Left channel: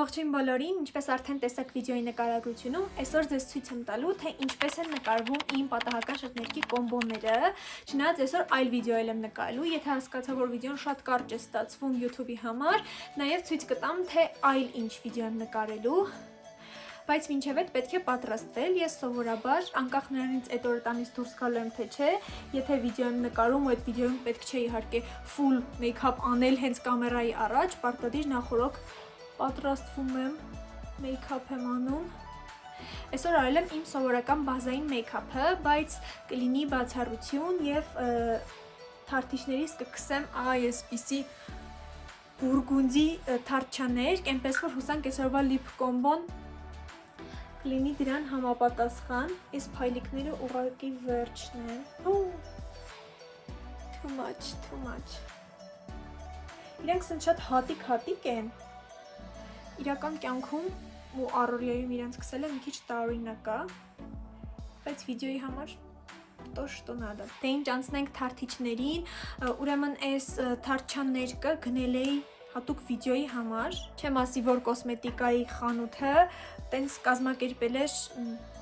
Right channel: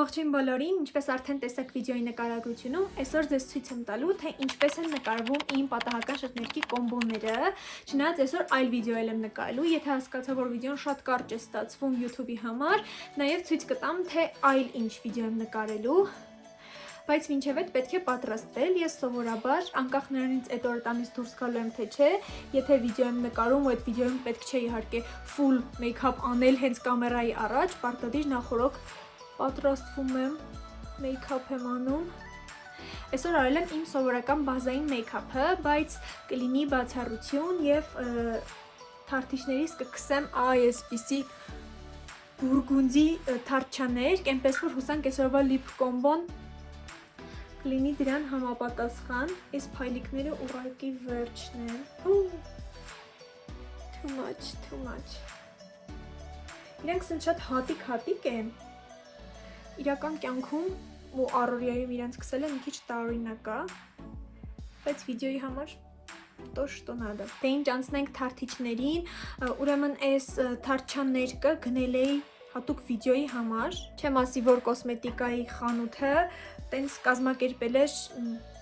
Ողջույն բոլորին, ինչպես արդեն տեսաք վիդեոյի նկարագրությունում, այսօր ձեզ ցույց եմ տալու, թե ինչպես են նկարվում իմ պատահական շրթներքի կոմբոները, չնայած այսօր այլ վիդեո եմ նկարելու, եթե հասկացա, որ վիդեոն շատ կարճ է ստացվում YouTube-ի համար, նաև ցույց կտամ, թե այլ ինչ վիդեո եմ նկարելու, բայց մինչև այդ պետք է պատրաստվել, ես սովորաբար, անկախ նրանից այդ օրը տանից դուրս գալու եմ թե չէ, եթե վիդեո եմ նկարում ու այդ վիդեոյում պետք չէ իհարկե full make-up անել հենց կամերայի առաջ, պարտադիր նախօրոք պատրաստվում եմ, make-up եմ անում։ Այսօր արել եմ իմ սովորական բազային make-up-ը, բայց կլինի բացառություն և թարթիչներից կքսեմ այսպիսի բուրգունդի թարթչաներ, այնպես որ հուսանք այսօրվա lip combo-ն կլինի դրան համապատասխան, իսկ փայլիկները ուղղակի վերջն են։ Too much։ Իրենք սենց շատ հատիկ են։ Իրական կյանքում ու առօրյայում իրենց սկսել եմ մի քիչ տարօրինակ է, բայց վիդեոյի համար то что надо։ Դե ինչ անցնենք թարթիչներին, ուրեմն այս թարթչաններկը գնել էի հատուկ վիդեոյի համար, չեմ ասի, որ կոսմետիկայի խանութը տենց կազմակերպել էր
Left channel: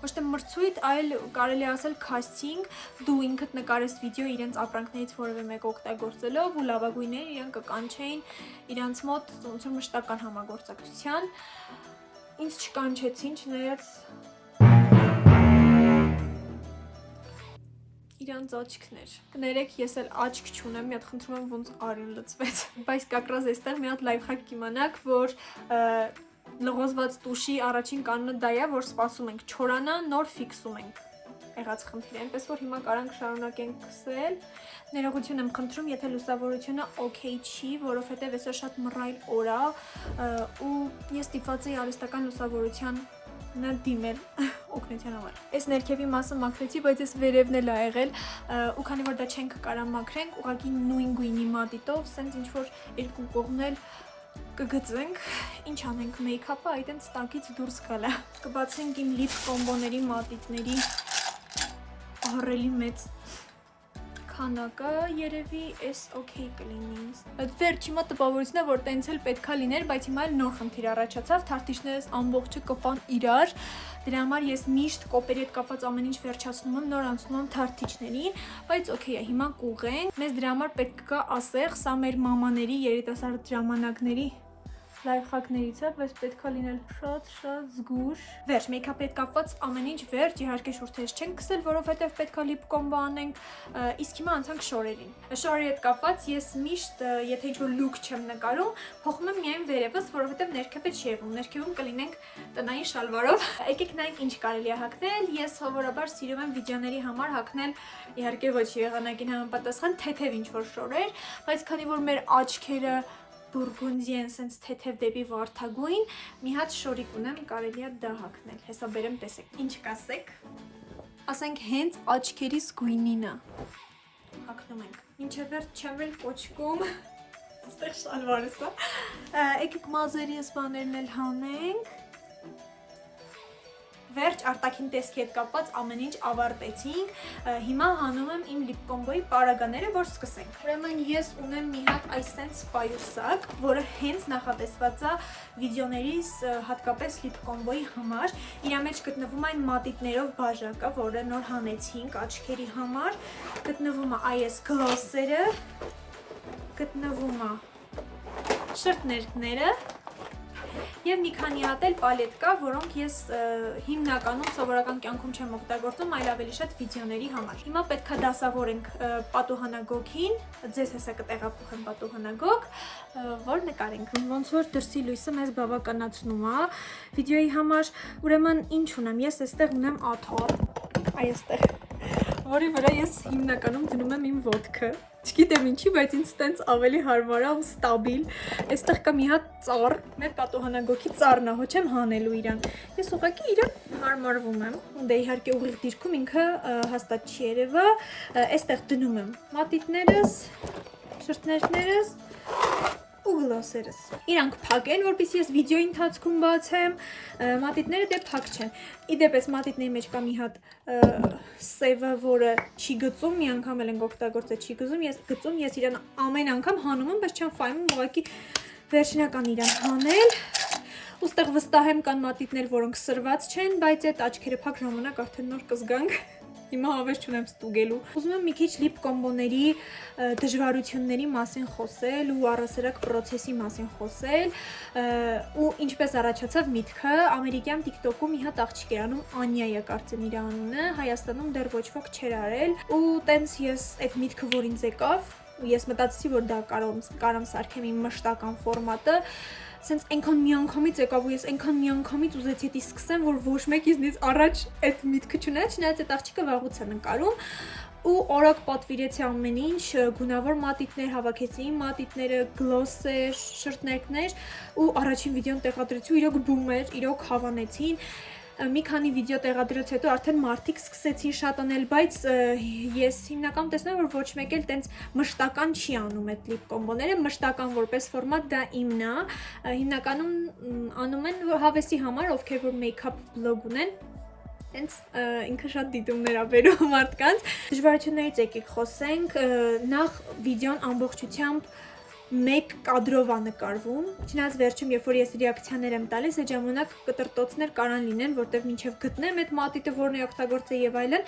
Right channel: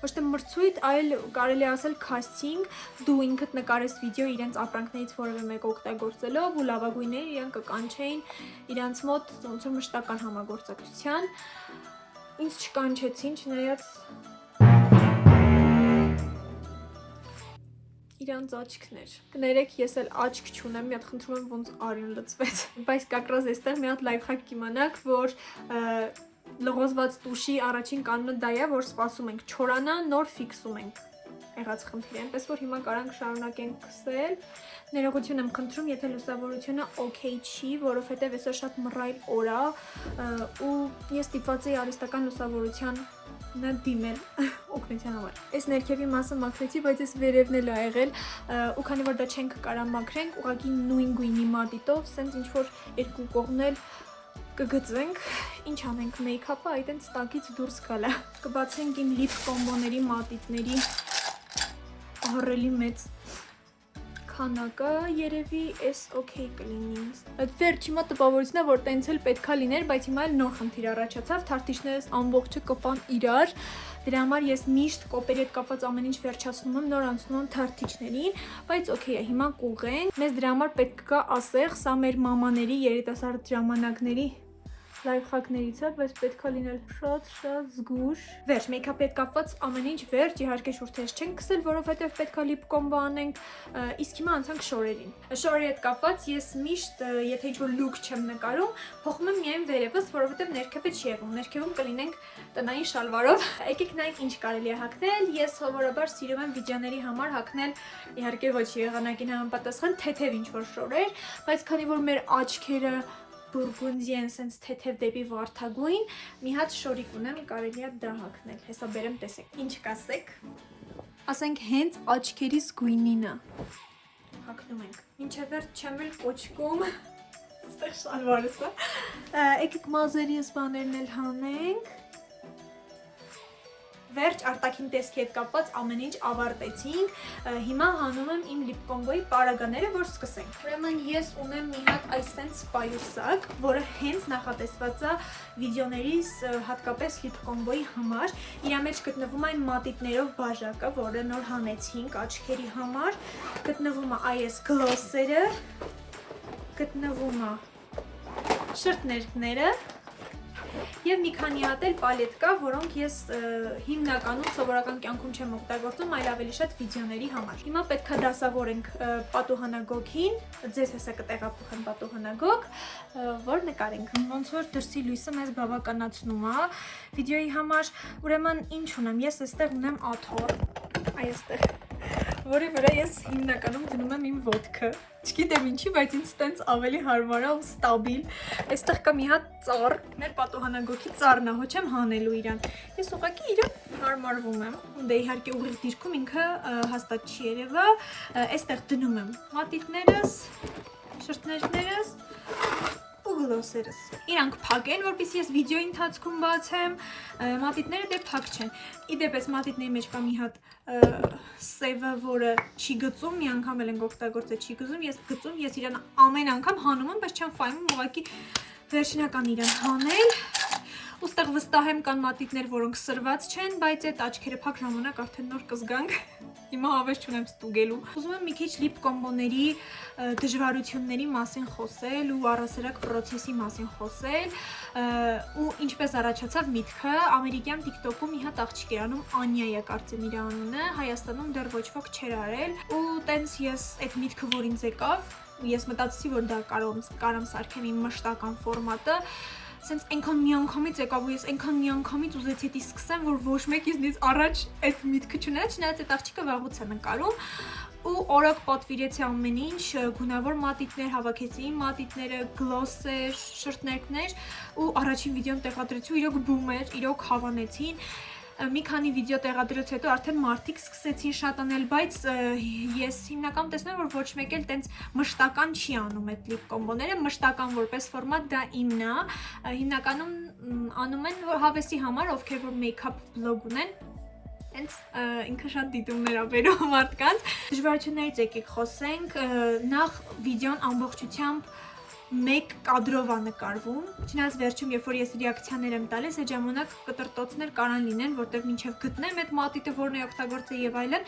ոչ թե մրցույթ, այլ կարելի ասել casting, դու ինքդ նկարես վիդեո իրենց ապրանքներից որևէ մեկ օգտագործելով ու լավագույնները իրենք կկանչեին իրանց մոտ ոնց որ մշտական համագործակցության, ինձ չկանչեցին, չնայած իրանց աչքներ։ Կներեք, ես էլ աչք չունեմ, մի հատ խնդրում եմ ոնց արյուն լցվեց, բայց կակրած այստեղ մի հատ լայֆհակ կիմանաք, որ լղոզված տուշի առաջին կանոնը դա է, որ սպասում ենք չորանա, նոր ֆիքսում ենք եղած խնդիրը, այնպես որ հիմա կարանք շարունակենք քսել։ Ներողություն եմ խնդրում, եթե լուսավորությունը օքեյ չի, որովհետև այսօր շատ մռայլ օր է ու ես ստիպված էի արհեստական լուսավորության դիմել օգնության համար։ Այս ներքևի մասը մաքրեցի, բայց այս վերևն էլ ա եղել ու քանի որ դա չենք կարա մաքրենք, ուղղակի նույն գույնի մատիտով, սենց ինչ որ երկու կողմնել կգծենք, ինչ անենք, make-up-ը այդենց տակից դուրս գալա։ Կբացենք իմ lip combo-ների մատիտների ահռելի մեծ քանակը, երևի էս օքեյ կլինի ինձ։ Այդ վերջի մոտ տպավորությունն է, որ տենց էլ պետքա լիներ, բայց հիմա էլ նոր խնդիր առաջացավ, թարթիչներս ամբողջը կպան իրար, դրա համար ես միշտ կոպերի հետ կապված ամեն ինչ վերջացնում եմ, նոր անցնում եմ թարթիչներին, բայց օքեյ է, հիմա կուղենք, մեզ դրա համար պետք կա ասեղ, սա մեր մամաների երիտասարդ ժամանակների լայֆհակներից է, բայց պետքա լինել շատ զգուշ։ Վերջ, մեյքափի հետ կապված ամեն ինչ վերջ, իհարկե շուրթերս չենք քսել, որովհետև պետքա lip combo անենք, իսկ հիմա անցանք շորերին։ Շորերի հետ կապված ես միշտ, եթե ինչ-որ look չեմ նկարում, փոխում եմ միայն վերևս, որովհետև ներքևը չի եղում, ներքևում կլինենք տնային շալվարով։ Եկեք նայենք ինչ կարելի է հագնել, ես սովորաբար սիրում եմ վիդեոների համար հագնել, իհարկե ոչ եղանակին համապատասխան թեթև ինչ-որ շորեր, բայց քանի որ մեր աչքերը բուրգունդի են սենց թեթև դեպի վարդագույն, մի հատ շորիկ ունեմ, կարելի է դա հագնել, հեսա բերեմ տեսեք, ինչ կասեք, ասենք հենց աչքերիս գույնինը, հագնում ենք, մինչև վերջ չեմ էլ կոչկում, ստեղ շալվարս է, եկեք մազերի ես բաներն էլ հանենք, վերջ արտաքին տեսքի հետ կապված ամեն ինչ ավարտեցինք, հիմա հանում եմ իմ lip combo-ի պարագաները, որ սկսենք։ Ուրեմն ես ունեմ մի հատ այսենց պայուսակ, որը հենց նախատեսված է վիդեոներիս հատկապես lip combo-ի համար։ Իրա մեջ գտնվում այն մատիտներով բաժակը, որը նոր հանեցինք աչքերի համար, գտնվում է այս գլոսերը, գտնվում է շրթներկները և մի քանի հատ էլ պալետ կա, որոնք ես հիմնականում սովորական կյանքում չեմ օգտագործում, այլ ավելի շատ վիդեոների համար։ Հիմա պետք է դասավորենք պատուհանագոգին, ձեզ հեսա կտեղափոխեմ պատուհանագոգ, որ նկարենք։ Ոնց որ դրսի լույսը մեզ բավականացնում է վիդեոյի համար, ուրեմն ինչ ունեմ, ես այստեղ ունեմ աթոռ, այստեղ, որի վրա ես հիմնականում դնում եմ իմ ոտքը։ Չգիտեմ ինչի, բայց ինձ տենց ավելի հարմար է ու ստաբիլ։ Այստեղ կա մի հատ ծառ, մեր պատուհանագոգի ծառն է, հո չեմ հանելու իրան։ Ես ուղղակի իրան հարմարվում եմ։ Դե իհարկե ուղիղ դիրքում ինքը հաստատ չի երևա։ Այստեղ դնում եմ մատիտներս, շրթներկներս ու գլոսերս։ Իրանք փակ են, որպեսզի ես վիդեոյի ընթացքում բացեմ, մատիտները դե փակ չեն։ Իդեպ այս մատիտների մեջ կա մի հատ սևը, որը չի գծում, մի անգամ էլ ենք օգտագործել չի գծում, ես իրան ամեն անգամ հանում եմ, բայց չեմ ֆայմում, ուղղակի վերջնական իրան հանել։ Ու Այստեղ վստահ եմ կան մատիտներ, որոնք սրված չեն, բայց այդ աչքերը փակ ժամանակ արդեն նոր կզգանք։ Հիմա հավես չունեմ ստուգելու։ Ուզում եմ մի քիչ լիպ կոմբոների դժվարությունների մասին խոսել ու առասարակ process-ի մասին խոսել, ու ինչպես առաջացավ միտքը, ամերիկյան TikTok-ում մի հատ աղջիկ էր անում Անյա է կարծեմ իր անունը, Հայաստանում դեռ ոչ ոք չէր արել, ու տենց ես այդ միտքը որ ինձ եկավ, ու ես մտածեցի որ դա կարամ սարքեմ իմ մշտական ֆորմատը, Սենց այնքան միանգամից եկավ ու ես այնքան միանգամից ուզեցի դա սկսեմ, որ ոչ մեկ ինձնից առաջ այդ միտքը չուներ, չնայած այդ աղջիկը վաղուց է նկարում ու օրակ պատվիրեցի ամեն ինչ, գունավոր մատիտներ հավաքեցի, մատիտները, գլոսեր, շրթներկներ ու առաջին վիդեոն տեղադրեցի ու իրոք բում էր, իրոք հավանեցին մի քանի վիդեո տեղադրելուց հետո արդեն մարդիկ սկսեցին շատ անել, բայց ես հիմնականում տեսնում եմ, որ ոչ մեկ էլ տենց մշտական չի անում այդ լիպ կոմբոները, մշտական որպես ֆորմատ դա իմն է, հիմնականում անում են հավեսի համար, ովքեր որ մեյքափ բլոգ ունեն, Հենց ինքը շատ դիտումներ ա բերում մարդկանց։ Դժվարություններից եկեք խոսենք, նախ վիդեոն ամբողջությամբ մեկ կադրով է նկարվում, չնայած վերջում, երբ որ ես ռեակցիաներ եմ տալիս, այդ ժամանակ կտրտոցներ կարան լինեն, որտեղ մինչև գտնեմ այդ մատիտը, որն է օգտագործել եւ այլն,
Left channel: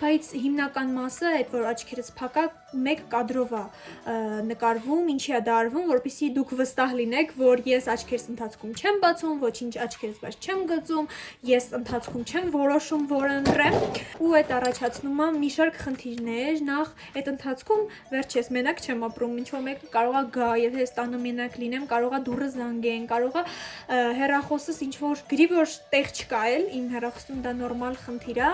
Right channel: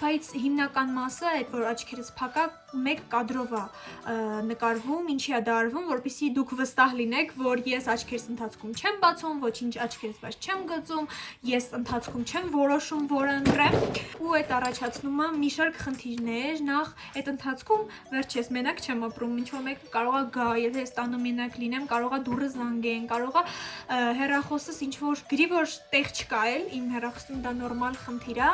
բայց հիմնական մասը, այդ որ աչքերս փակա, մեկ կադրով է նկարվում, ինչի է դա արվում, որպեսզի դուք վստահ լինեք, որ ես աչքերս ընթացքում չեմ բացում, ոչինչ աչքերս բաց չեմ գծում, ես ընթացքում չեմ որոշում, որը ընտրեմ, ու այդ առաջացնում է մի շարք խնդիրներ, նախ այդ ընթացքում վերջես մենակ չեմ ապրում, ինչ որ մեկը կարող է գա, եթե ես տանը մենակ լինեմ, կարող է դուռը զանգեն, կարող է հեռախոսս ինչ որ գրի, որ տեղ չկա էլ, իմ հեռախոսում դա նորմալ խնդիր է,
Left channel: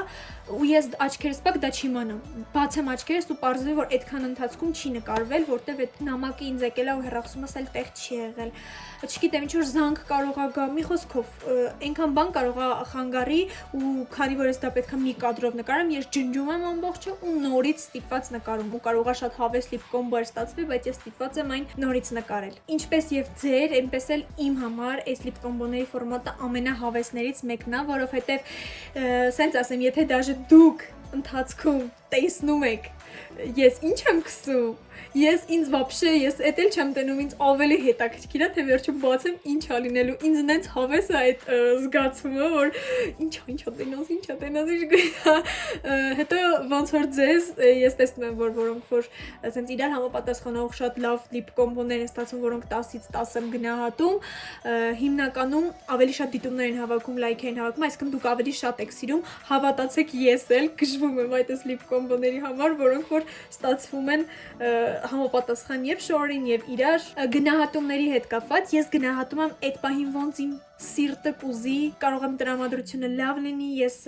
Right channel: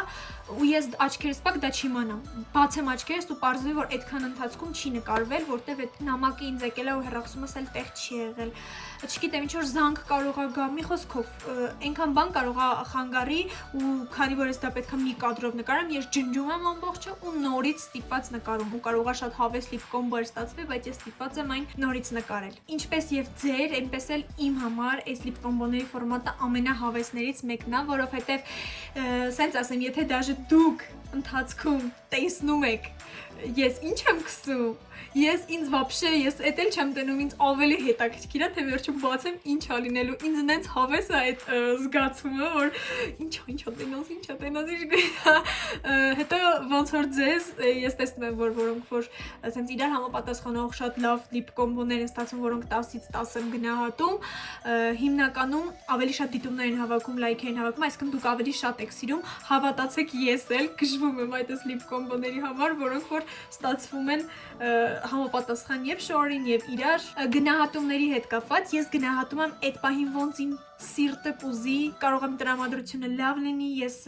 ու ես աչքերս փակ դա չիմանամ, բացեմ աչքերս ու պարզվի, որ այդքան ընթացքում չի նկարվել, որտեվ այդ նամակը ինձ եկել է ու հեռախոսումս էլ տեղ չի եղել, չգիտեմ, ինչ որ զանգ կարող է գա, մի խոսքով, այնքան բան կարող է խանգարի ու քանի որ ես դա պետք է մի կադրով նկարեմ, ես ջնջում եմ ամբողջը ու նորից ստիպված նկարում ու կարող է շատ հավես լիպ կոմբո ստացվի, բայց ես ստիպված եմ այն նորից նկարել։ Ինչպես եւ ձեր, այնպես էլ իմ համար այս լիպ կոմբոների ֆորմատը ամենահավեսներից մեկն է, որովհետեւ սենց ասեմ, եթե դաժե դուք ընթացքում տեսնում եք ես ինչ եմ քսում, ես ինձ вообще, ես էդ էլ չեմ տենում, ինձ ավելի հետաքրքիր է, թե վերջում բացեմ ինչ ա լինելու, ինձ նենց հավես է այդ զգացումը, որ ինչա տենաս, հետո ոնց որ ձեզ, ես տեսնում եմ, որ որոնք որ ասենց իրար համապատասխանող շատ լավ լիպ կոմբոներ են ստացվում, որոնք 10-ից 10 եմ գնահատում, հիմնականում ավելի շատ դիտումներ են հավաքում, լայք են հավաքում, այսինքն դուք ավելի շատ եք սիրում, հավատացեք ես էլ գժվում եմ այդ լիպ կոմբոների համար, որոնք որ ստացվում են համապատասխան եւ շորին եւ իրար գնահատումների հետ կապված ես գնահատում եմ այդ պահին ոնց իմ սիրտը կուզի կարող եմ տրամադրությունը լավ լինի ես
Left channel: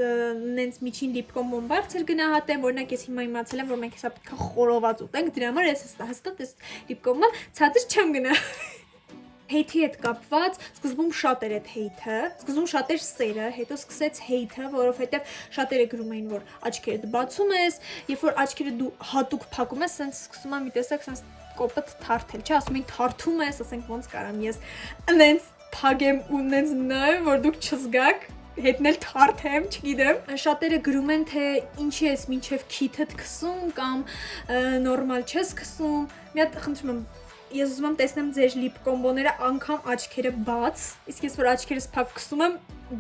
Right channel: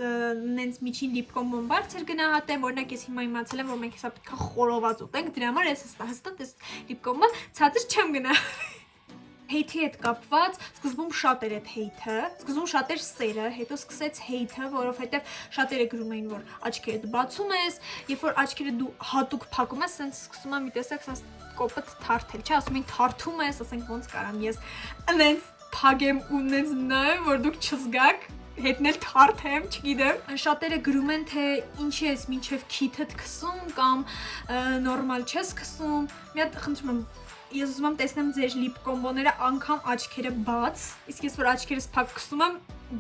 նենց միջին լիպ կոմբոն բարձր գնահատեմ օրինակ ես հիմա իմացել եմ որ մենք հեսա պետք է խորոված ուտենք դրա համար ես հստակ այս լիպ կոմբոն ցածր չեմ գնա Հեյթի հետ կապված սկզբում շատ էր այդ հեյթը, սկզբում շատ էր սերը, հետո սկսեց հեյթը, որովհետև շատերը գրում էին, որ աչքերդ բացում ես, երբ որ աչքերը դու հատուկ փակում ես, սենց սկսում եմ մի տեսակ սենց կոպիտ թարթել, չէ, ասում են թարթում ես, ասենք ոնց կարամ ես, նենց փագեմ ու նենց նայեմ, որ դուք չզգաք հետնել թարթեմ, չգիտեմ, շատերը գրում են, թե ինչի ես մինչև քիթդ քսում կամ նորմալ չես քսում, մի հատ խնդրում եմ Ես ուզում եմ տեսնեմ ձեր լիպ կոմբոները անգամ աչքերը բաց, իսկ ես որ աչքերս փակ քսում եմ,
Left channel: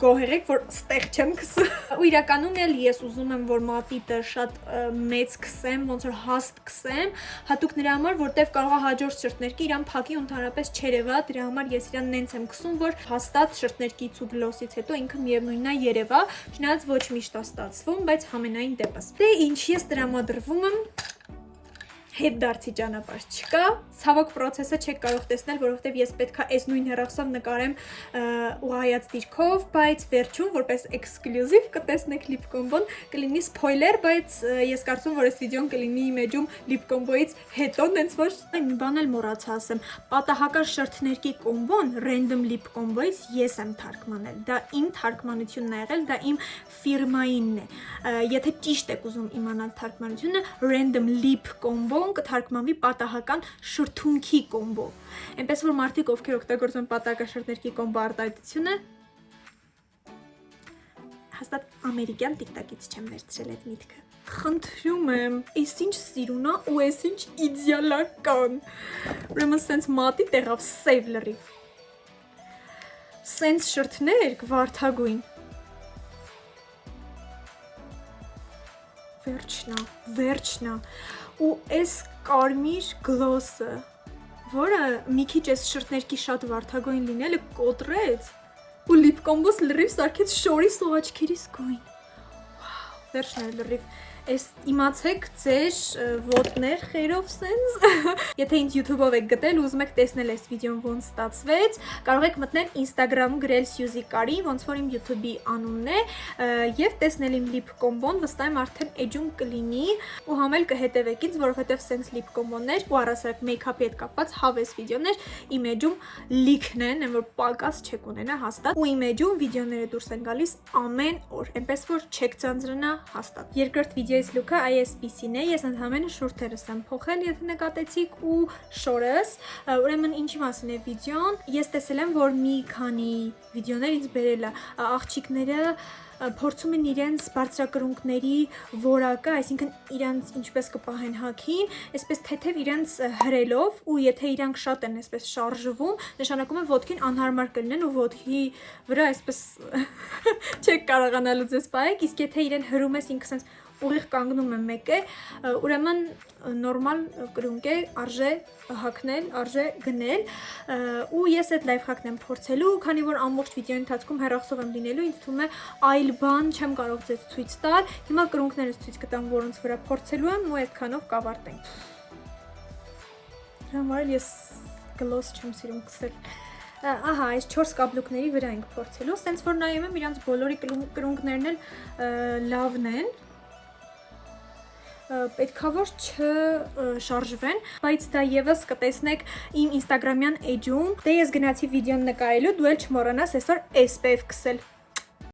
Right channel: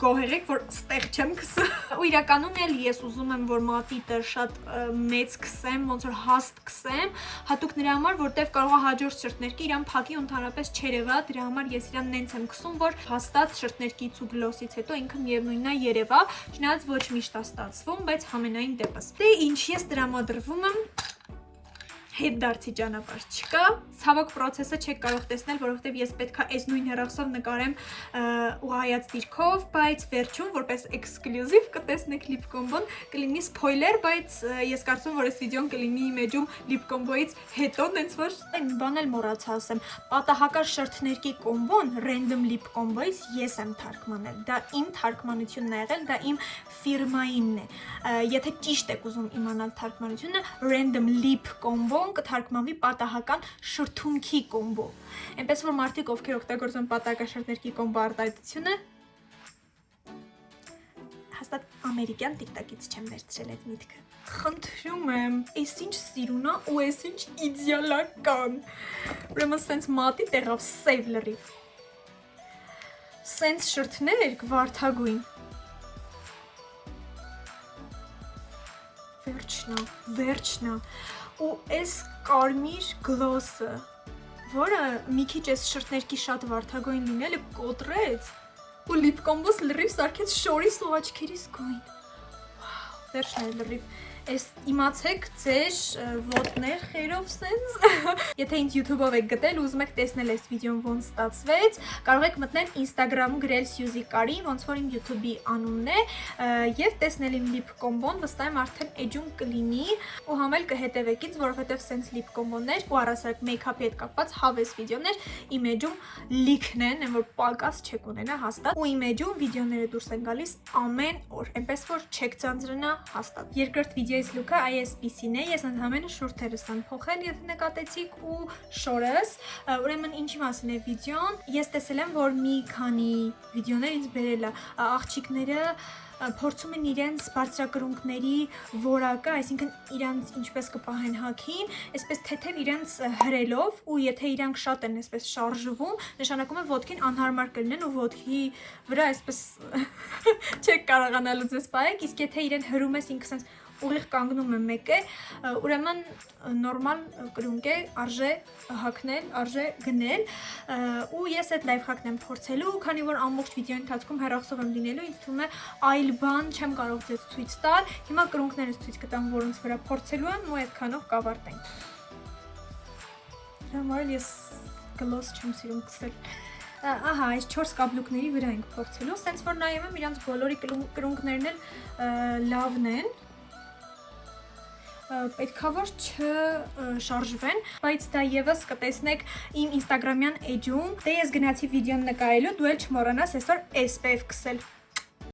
գոհեղեք, որ ստեղ չեմ քսում։ Ու իրականում էլ ես ուզում եմ, որ մատիտը շատ մեծ քսեմ, ոնց որ հաստ քսեմ, հատուկ նրա համար, որտեվ կարող է հաջորդ շրթներկի իրան փակի ու ընդհանրապես չերևա, դրա համար ես իրան նենց եմ քսում, որ հաստատ շրթներկից ու գլոսից հետո ինքը միևնույնն է երևա, չնայած ոչ միշտ է ստացվում, բայց համենայն դեպս։ Դե ինչ ես տրամադրվում եմ հետ դարձի ճանապարհ չկա, ցավոք process-ը չեք կարող տեսնել, որովհետև ես պետքա այս նույն հեռախոսով նկարեմ ուղղայաց դիրքով, բայց վերջում որպես էքսկլյուզիվ կտեսնեք լիպ կոմբոն, կլինի սփոյլեր, բայց ես կարծում որ այս վիդեոն կլինի իմեջում լիպ կոմբոից հետո, նենց որ մի բան էլ մոռացա ասեմ, պատահական շրթներկի կոմբոն random լիպ կոմբոից ես եմ թարգմանել, դա իմ թարգմանությունն է եղել, դա իմ ֆիրմայինն է, եթե ճիշտ եք ուզում իմանալ թարգմանությունը, random լիպ կոմբո կթարգմանվի պատահական շրթունքի կոմբո։ Այնպես որ մարդիկ ովքեր օգտագործում պատահական շրթներկի կոմբո արտահայտությունը հաստատ ամերիկյան TikTok-ից չեմ վերցրել այդ միտքը։ Խնդրում եմ, այս ինչ սիրուն է ու այս ինչ իդեալական։ Ուրեմն սենց մատի տեղավ save լրիվ։ սենց շրթներ վարդագույն։ Վերջնա։ Ու այս կարմիր գլոսը, որը մի քիչ այս շրթներքի շատ վարդագույն լինելը կոտրեց ու լիպ կոմբոս լրիվ սարքեց շորիս ու աչքերիս գույն։ Վերջն էր լրիվ։ Այս իմացեք ձեր ոտներ խերով սենց։ Եթե ինձ YouTube-ով եք գտել ու ուզում եք տեսնել այս վիդեոն ոնց ստացվեց, կարող եք մտնել Instagram գրել Սյուզի Կարի, ոնց որ իմ YouTube-ի անունն է, եւ տեսնել իմ լիպ կոմբոն, վստահ եմ արդեն էջում կլինի ու համել կհետևեք ինձ, որովհետեւ սենց լիպ կոմբոներ ու առասարակ մեյքափի հետ կապված հավես վիդեոներ իմ էջում լիքն են, որ պակաս չեք ունենա հաստատ, ու իմ էջում վիդեոները դուրս են գալիս ամեն օր, այնպես որ չեք ծանձրանա հաստատ։ Երկրորդ վիդեոյից լուքը ISPC-ն է, ես ընդհանրապես շուրթերս եմ փոխել, եթե նկատեցիք, ու շորս, ուրեմն ինչի մասին է վիդեոն։ Ես տեսել եմ, որ մի քանի վիդեոներ ինձ բերել է աղջիկները փորձում են իրենց բարձրակրունկների որակը, այսինքն իրենց ինչպես կպահեն հագին, այսպես թեթև իրենց հրելով, ու եթե իրանք շատ են այսպես շարժվում, նշանակում է ոտքին անհարմար կլինեն ու ոտքի վրա այսպես չեք կարողանալու ձեզ պահեք, իսկ եթե իրեն հրում ես ինքը sense ուղիղ կանգնում է մեկը, ուրեմն նորմալ կրունկ է, արժե հագնել, արժե գնել, ու ես այդ լայֆհակն եմ փորձելու, քանի որ ամբողջ վիդեոյի ընթացքում հեռախոսով եմ լինելու, ինձ թվում է այլ բան չեմ կարող ձեզ ցույց տալ։ Հիմա կրունկներս ցույց կտամ, որոնց վրա փորձելու եմ, ու այդքանով կավարտենք։ Համար ես գլոս չեմ սիրում կսել։ Ահա, այս 4 կաբլուկների վրա ենք փորձելու, սենց որ նայում եմ իրանց բոլորի կրունկներն էլ լավն են։ Պետքա որ չշարժվեն, բայց դա եւս կտեսնեք իմ Instagram-յան էջում։ Դե ես գնացի վիդեոն նկարելու, դու էլ չմոռանաս այսօր SPF քսել։